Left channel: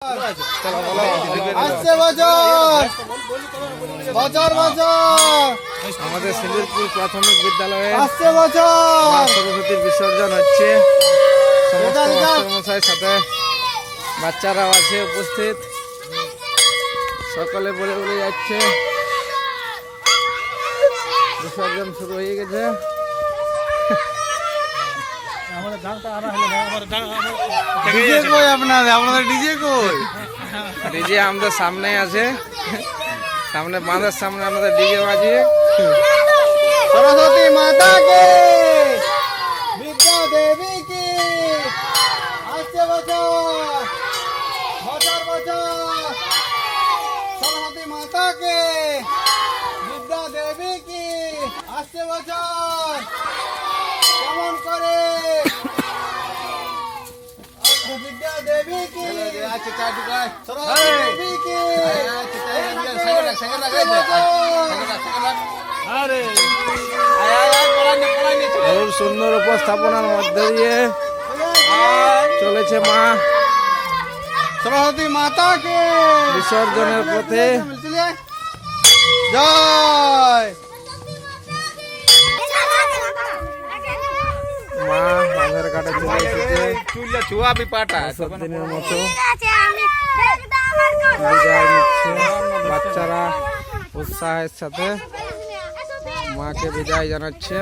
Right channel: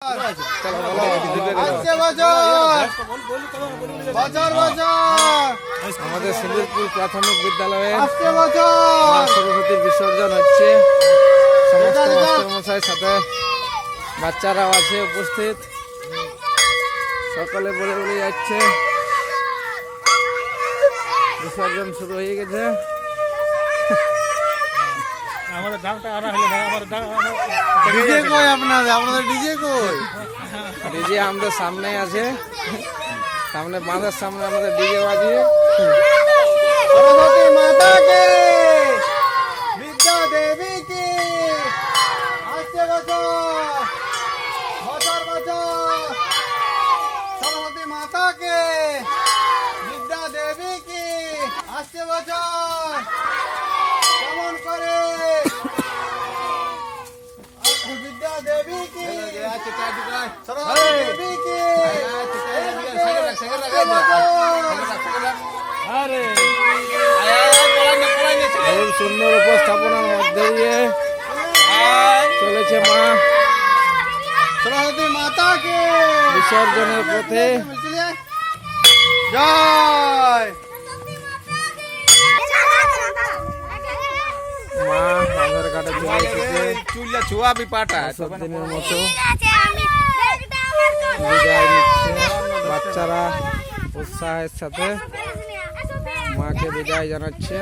চলো বলো আমাদের সিন্দুরপুর প্রাথমিক বিদ্যালয়ে মা সরস্বতীর বিসর্জন হচ্ছে। সমস্ত মাস্টারমশাই সাথে বাচ্চারাও আছে উপস্থিত, সকলে বলে বলে যাচ্ছে। বিসর্জন শুরু হয়ে গেছে। ডিজে আমাদের সামনে আছে, সামনে বাঁধের সামনে আমাদের ডিজে বাজিয়ে সরস্বতী মাতা কে, বিদ্যা দেবী কি, আসছে বছর বছর বছর। সরস্বতী মাতা কে, বিদ্যা দেবী কি, আসছে বছর। কেমন করে বিদ্যা দেবী কি, সরস্বতী দেবী কি, খুব সুন্দর উপস্থাপনার মধ্যে দিয়ে চলেছে মা সরস্বতী মাতাকে বিসর্জনের পথে। জয় মা বাঁধের ঘাটে চলে এসেছে। দিনের মতো বিদায় নিচ্ছে বাচ্চারা, উৎসাহের সাথে মাকে বিদায় জানাচ্ছে।